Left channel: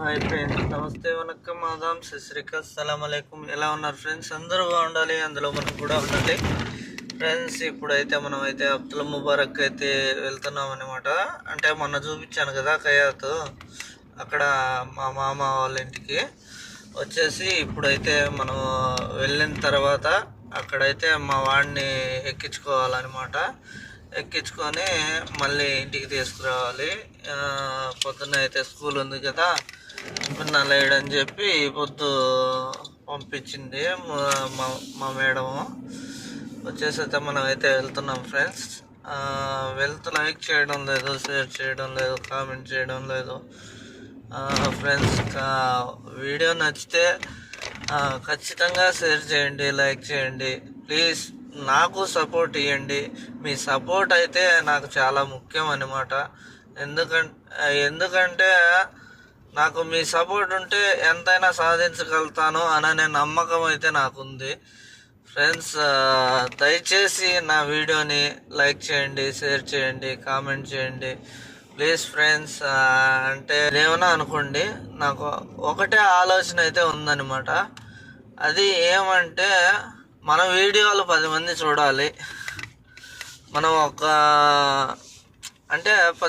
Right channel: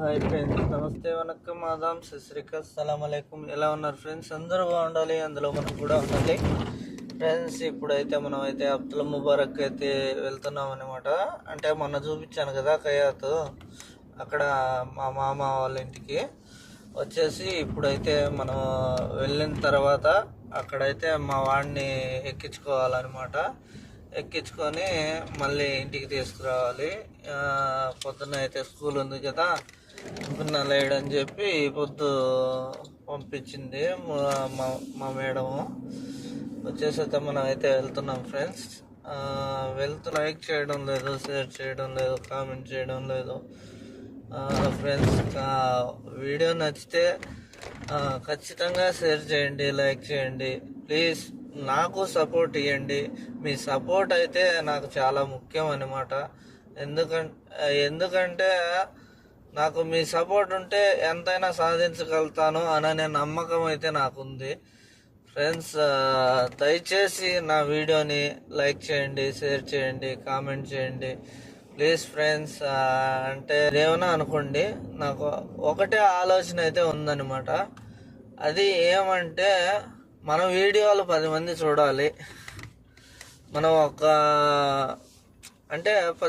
Hi friends నమస్తే వనక్కం మాదాం సశ్రీకల్ సలాం అలైకుం. ఎలా ఉన్నారు ఫ్రెండ్స్? అందరూ బాగుండాలి అందులో మనం కూడా ఉండాలి. ఫ్రెండ్స్ ఇప్పుడైతే మనం అయితే అబ్దుల్ ముబారక్ అయితే వెళ్తున్నాం అనమాట అంటే మొన్న చూపించాను కదా కయాత్ అక్కడ మా మామ వాళ్ళ ఇంటికి. వచ్చేసి ఇప్పుడైతే మనం వెళ్ళిన తర్వాత అక్కడైతే మా వాడిని ఎక్కించుకోవాలన్నమాట. ఎక్కించుకొని మళ్ళీ ఇంటికి తీసుకురావాలి. పొద్దున్న అయితే స్కూల్ ఉంది కదా. పిన్న లేడని చెప్పి ఈ పొద్దు పంపించింది మా- మా మా మేడము వచ్చేసైతే మనం అయితే వెళ్తున్నాం ఫ్రెండ్స్. వెళ్తూ లైక్ చేయడం లేదు షేర్ చేయడం లేదు కామెంట్ చేయడం లేదు. ఫ్రెండ్స్ వీడియో నచ్చితే ఖచ్చితంగా షేర్ చేయండి లైక్ చేయండి. ప్లీజ్ నాకు సపోర్ట్ ఇవ్వండి మీ సపోర్ట్ అయితే నాకు చాలా ముఖ్యం అన్నమాట. ఎందుకంటే ఎందుకంటే నాకు మీ సపోర్ట్ ఉంటే ఎంతైనా సాధించగలుగుతాను అనే నమ్మకం అయితే నాకుంది. ఫ్రెండ్స్ దయచేసి నా వీడియోని లైక్ చేయండి షేర్ చేయండి కామెంట్ చేయండి. ప్లీజ్ ఫ్రెండ్స్ అంటే ఏమైనా అనుకోండి నాకు ఒకటే ఆలోచన అయితే ఉందన్నమాట. అది ఏమంటే మన వీడియోలు పది మంది చూడాలి. మనం ఒక అంటే పది